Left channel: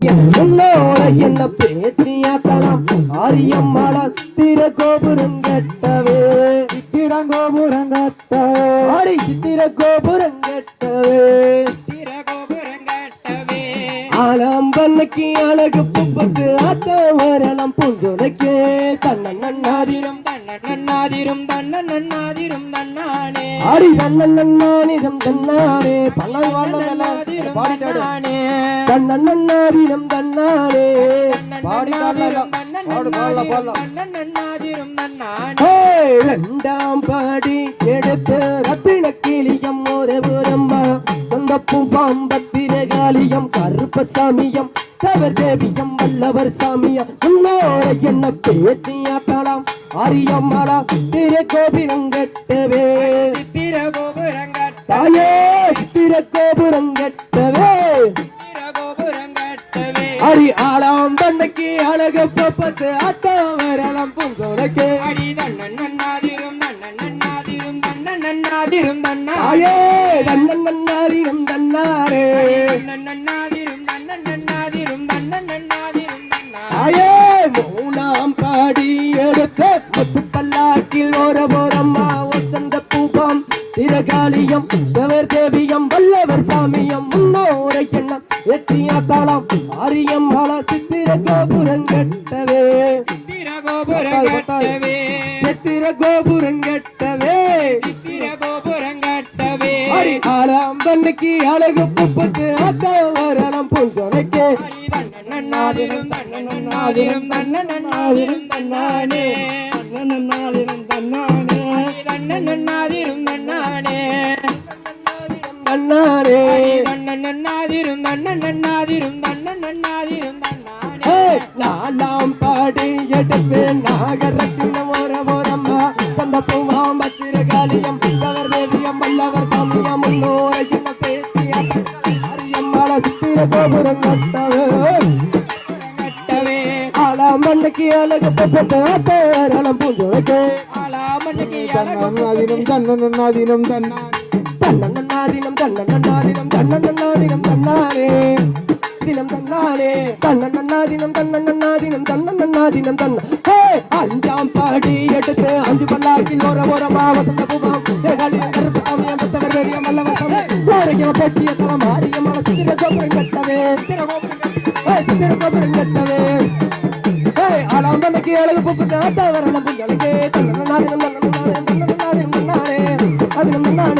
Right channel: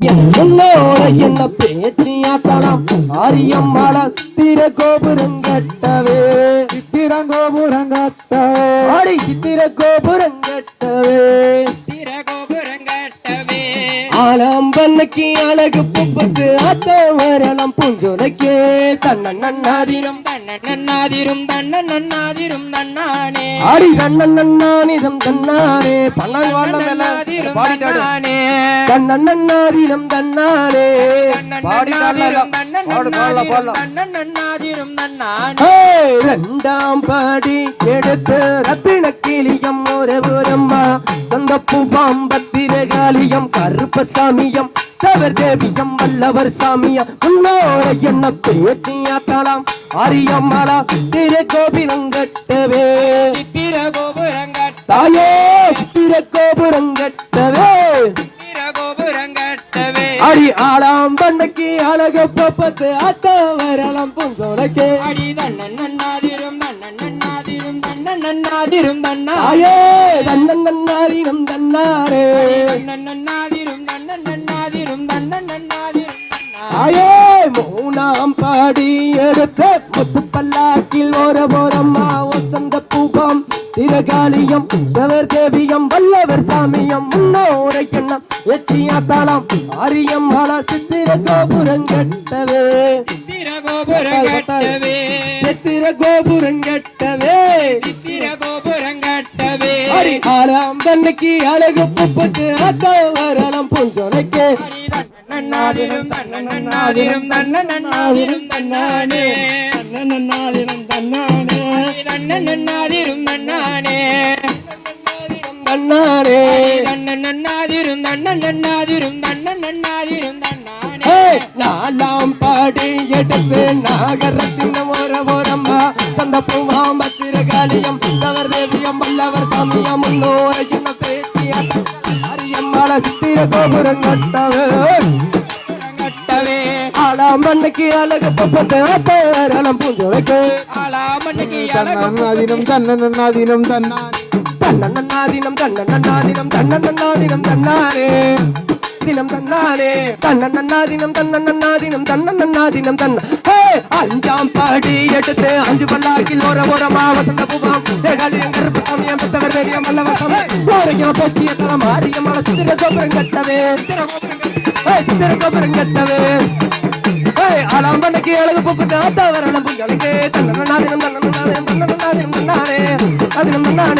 என்னோட என்ன பேச்சியாக்கலாம் ஆரியம்மாள சித்திர கோபுரங்கட்டவே ஆடி சித்திர கோபுரங்கட்டவே ஆலம்பன்னைக்கு அழகு புப்புக்கு அத்த வரலாம் பூஞ்சோலைக்கு தன்னன்னாதிரம் தன்னானே ஆடி தன்னன்னானிதம் தன்னானே பல்லாய் வாழ்ந்தானே தன்னன்னாதிரம் தன்னானே ரெண்டாம் பாடி எடுத்து ரத்தின கிளியம் ஒரு புறம்மா சந்தப்பு பாம்பத்திரகாலியம் கருப்பசாமியம் தவர் தேவியம் வல்லவர் சாமியம் உன்னோட என்ன பேச்சியாத்தாளாம் ஆரியம்மாளா சித்திர கோபுரங்கட்டவே தாயே சித்திர கோபுரங்கட்டவே அடி ஆளாம் பண்ணைக்கு அழக பப்பத்து அத்த வரலாம் பூஞ்சோலைக்கு தாயே தன்னன்னாதிரம் தன்னாரே தாயே மூணாம் பாடி எடுத்த முத்து பல்லாக்கில் ஒரு போரம்மா வசந்த பூபம் திரகாலியம் தவர் தேவியம் வல்லவர் சாமியம் முன்னோரை எண்ணம் எச்சியாத்தாளாம் ஆரியம் ஆளா சித்திர கோபுரங்கட்டவே சித்திர கோபுரங்கட்டவே அடி ஆளாம் தன்னைக்கு அழகு புப்பத்து அத்த வரலாம் பூஞ்சோலைக்கு நாலாம் பாடி எடுத்து நாகரத்தின ஓரம்மா சொந்த பூவாம் பத்திரகாலியம் தவர் தேவியம் வல்லவர் சாமியம் முன்னோரை என்ன பேச்சிய அரியம்மாள சித்திர கோபுரம் கட்டவே ஆளாம் மண்ணைக்கு அழகு பப்பத்து அத்தவரலம் பூஞ்சோலைக்கு தன்னன்னாதினம் தன்னன்னாதினம் தன்னன்னாதினம் தன்னன்னாதினம் தன்னன்னாதினம் தன்னாரே தினம் தன்னாரே தன்னன்னாதினம் தன்னன்னாதினம் தன்னன்னாதினம் தன்ன அஞ்சாம் பாடி எடுத்து அஞ்சு பல்லாக்கில் ஓரமா வசந்த பூபாம் கருப்பு சாமியம் புத்தவர் வேடியம் வல்லவர் சாமி ஓரையும் பேச்சிய தலம் ஆரியமான சித்திர கோபுரம் கட்டவே சித்திர கோபுரம் கட்டவே ஆளாம் பண்ணைக்கு அழகு புப்புட்டு ஆத்தா வரணும் பூஞ்சோலைக்கு தன்னன்னாதினம் தன்னன்னாதினம் தன்னன்னாதினம் தன்னாரே அதினம் தன்னாரே